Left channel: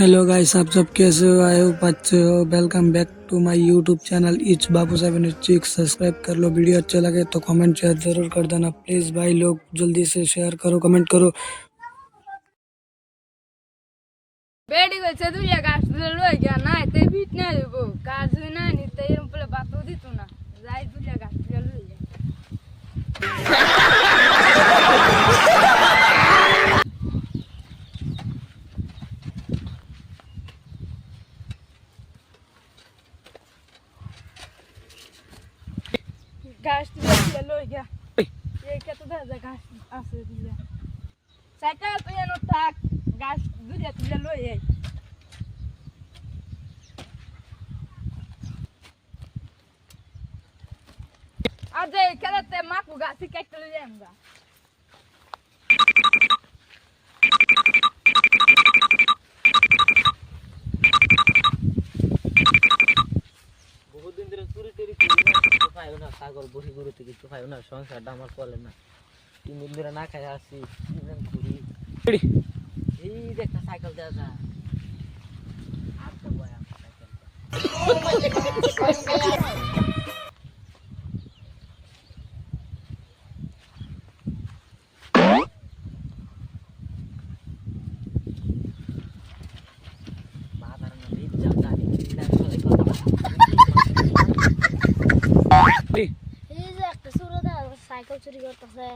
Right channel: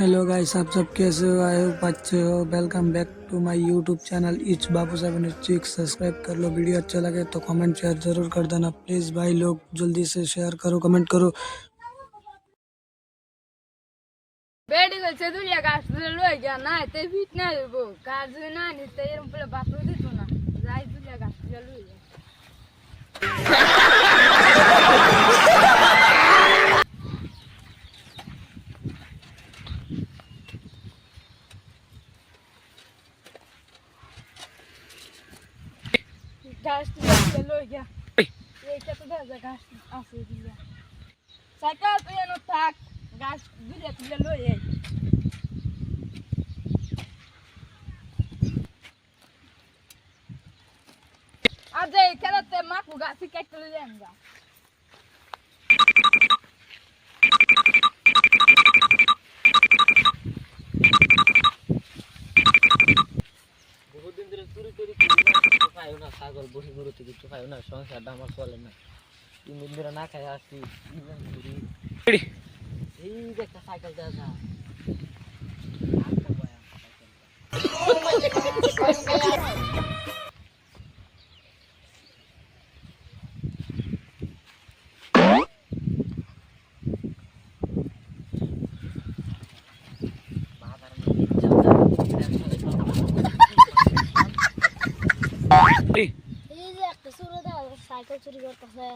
Hello guys, आप सब कैसे हो? आई होप अच्छे हो। Welcome back to my YouTube channel it's Babu 786। Subscribe कर लो। वीडियो अच्छा लगे तो कमेंट शेयर जरूर कर देना प्लीज़ भाई लोग। जल्दी से शेयर करो, कमेंट करो। বেডি হয়েছে দুলিয়া গাছ তুলে লই গিয়া না এতে ফিট না দেব কাজ না নিতে এরকম বলে বাতও দিত না যাই দুলিয়া গাছ তুলে লই গিয়া গাছ তুলে লই গিয়া এই কত দাদা গাছ আছে দুলিয়া সাইকেল তুই এনো থাক গাছ দুলিয়া তুলে লই এই আজ এই খেলাতে মাকু গাছ কেটে লই যামগা বহুদিন ধরে চুরি চুরি করি না, কিছু পাইও না, ছাগল বসে গরুতে কিছু পাইও না, সংসারটা আমার চলে না। 3 দিন ধরে না খাই আসছি, ঘুরি এই যে একটা সাইকেল দেওয়া যায় এই যে একটা সুরদা সাইকেল চুরি করতেছে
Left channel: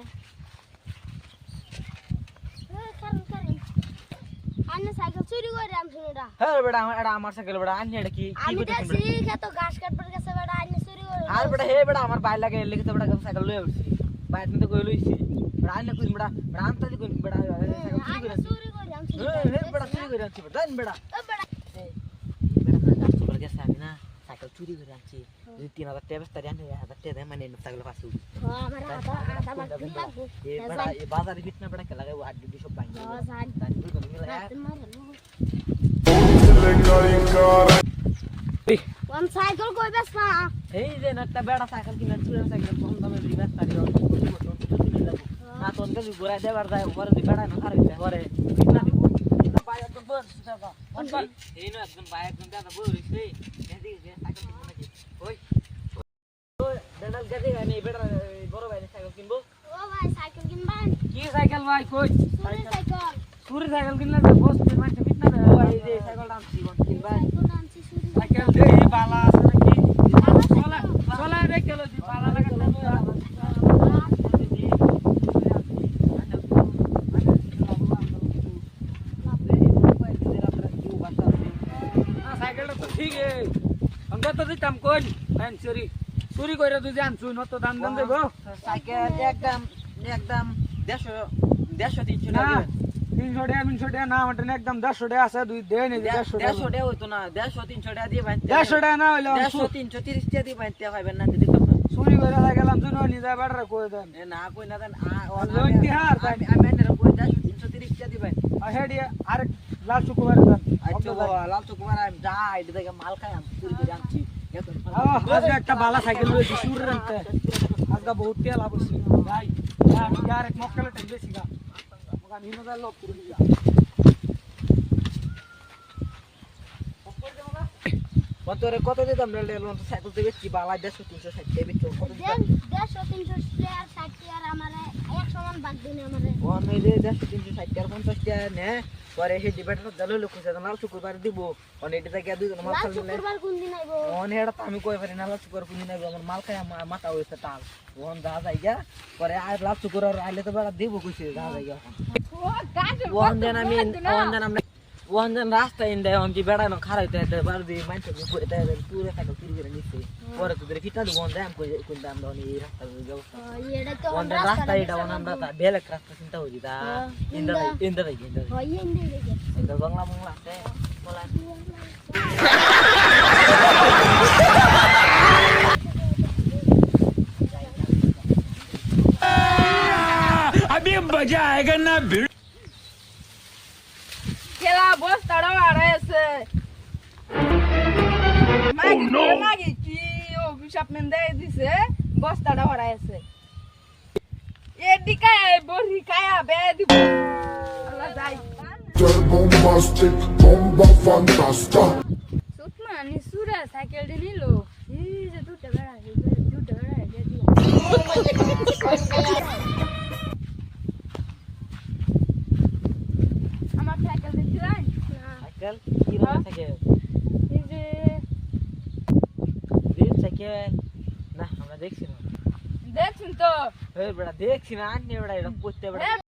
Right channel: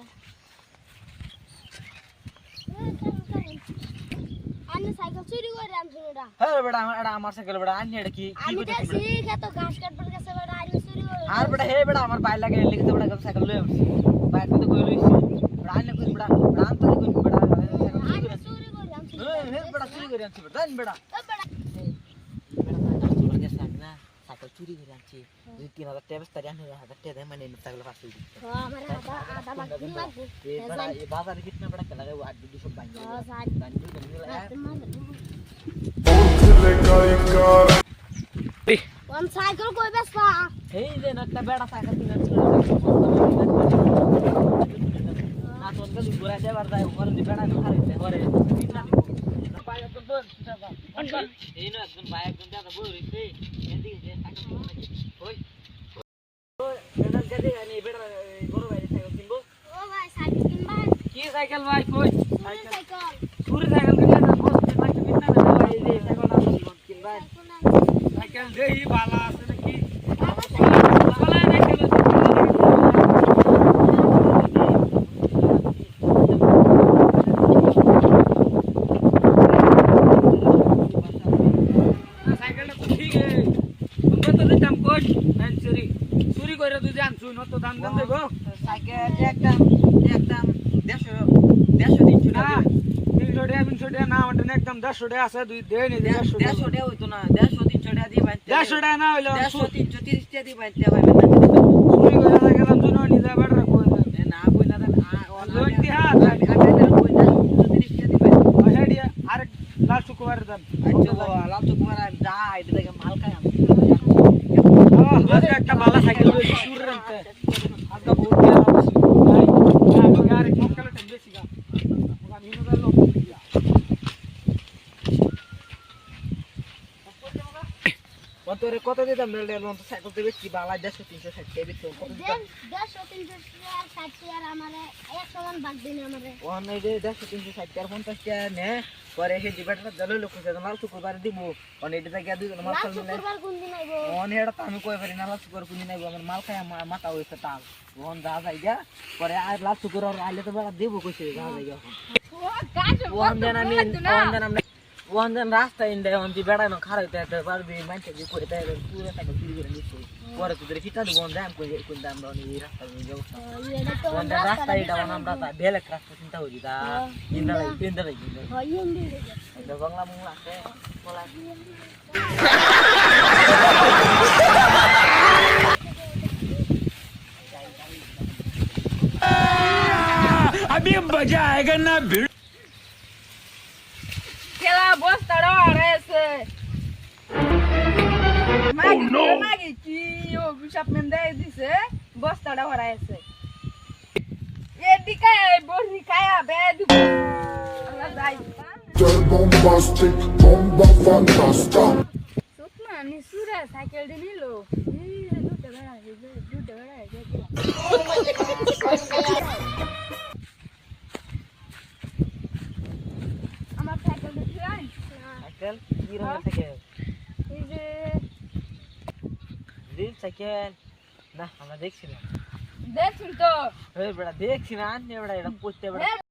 আনে সাইকেল চুরি করে আমি শুনুরা হ্যাঁ বেটা এটা আমার সাইকেল বেটা আনি এটা কি আমি দেখছি তো ঘাস কাটবার কাছে বেটা আনে চুরি করে আর বেটা হে বেটা আমার বাইরে লাগে লিখতে বেটা সাইকেল লই আসছি বাইরে তো কই লইছি বেটা আনি কই বেটা রাম তো কই বেটা আনে চুরি করে আমি হে বেটা চুরি করে আনছি বেটা দেন বেটা ও বেটা বেটা সাইকেল চুরি গেছে আমি না সাইকেল চুরি করে আনছি 2-3 হাজার টাকা তারি আনি 1000 টাকা দেয় মানে সাইকেল পাসু আমার আধা মাটি লাগবে এ বেটা এই বাজারে কিতনা বেটা খেলা গায় আড্ডি দি সব ভাঙি দান দুই জন মিলে আমি সাইকেল কই বেসা এই যে একটা বেটা সাইকেল কিনা চুরি না তো অনকে ঘুরা দেবার যায় পরে দি বেটা না হারাইতে পরে কিতনা দিব পায়া তো বল এই না একদম পায়া একদম দাদা বল রে এন্দি যে সাইকেল কিনা নাকি ওই এর জায়গায় আনি বেটা বড় ভাই সাইকেল কিনবো ও ভাই সাইকেল কিনবা কি সাইকেল ভাই কই সাইকেল চুরি সাইকেল কিনলে না বস মাটি কিনতে না ভাই এই সাইকেল না কিনবা সাইকেল দেই বালা আছে নাকি বালা সাইকেল আছে সাইকেলটা তো ঠিক আছে আমরা তো দিতাম কই চুরি চুরি করে তুই জানছু না তো দাম দাম দেবো সাইকেল একদম 150 টাকা 300 টাকা না আমাদের একদম 150 টাকা আছে দুই দেন 150 টাকা হইতো না 150 300 টাকা দিয়ে ভাই 150 টাকা না হইলো 100 330 টাকা দিয়ে ভাই ভাই না চুরি করে গেলাম জন্য নিজে বাড়া কই দেন না কই না দেন আমি কই 330 টাকা দিয়ে ভাই হেডি আর লাল শুকুমার দেন আচ্ছা বাবা লাল শুকুমার আমি যাই এটা থেকে মাল খাই আমি একটা বালা সাইকেল লইছি চুরি রাখতে আজকে বহুত গেল ভাই আমি আর এক মক্কালে টাইম বেশি গা ওগা নিনো দা লোক দিয়া তোরে কত দিতাম রে লোন তো সাইকেল থেকে কি বালা 150 360 টাকা দিতো দেন 150 300 আর 60 আর আমারে এক সমান ভাগ দিন আমারে ওন নাই রে 150 360 আর 50 টাকা নে পরে এসে দিবাটা দলে লোক আছে মাল শুক্রবার দিব অন এটা থেকে দুই জন মাল খাইলে শুক্রবার কোন দিন আইবো অন এটা তো আমি কই পারি না লাল শুক্রবার কোন দিন আইবো আমার মাল খাই মাথা হইছে তাল ওন যা যাই গা পরে আর লাল শুক্রবার আইলে তো বড় দিব কইছে যা যাই গা ওন জান রাস্তা ইন্দে অন দি বেড়া না খারাইতে একটা বার দি মানতে দি করে তাই পুরো টাকা চুরি করে নিছে পরে তো ফিটা দিব ওন দাম কই কোন দাম দনি এই রাস্তা কই যাও এটা তো ওন রাস্তা এটা আমরা তা বেলেক রাস্তা চিন্তা হই দা ইন্দা হয় ইন্দি ওন বাংলা বাংলা আছে বলা अभी मजा आएगा ना। খেলা বস্তাড়া আড়াইছে মাগি কি অভিশাপ মেন্দে দিছে বস্তাটা হরাইছে এদিকে বড়ি কায়া বে দিব আল্লাহ যাই bombastic, bomba fantasta. সুতমা নিসুরা সাইকেল দিয়ে নিল এই যে দুটো বেড়া আমার সাইকেল দেখছিলেন সাইকেল কি রকম সাইকেল এই যে দিন সাইকেল না আমরা দেখছি না দেখুন তো এই বড়া দেখছি না আন্নে বড়া এটা করতে বড়া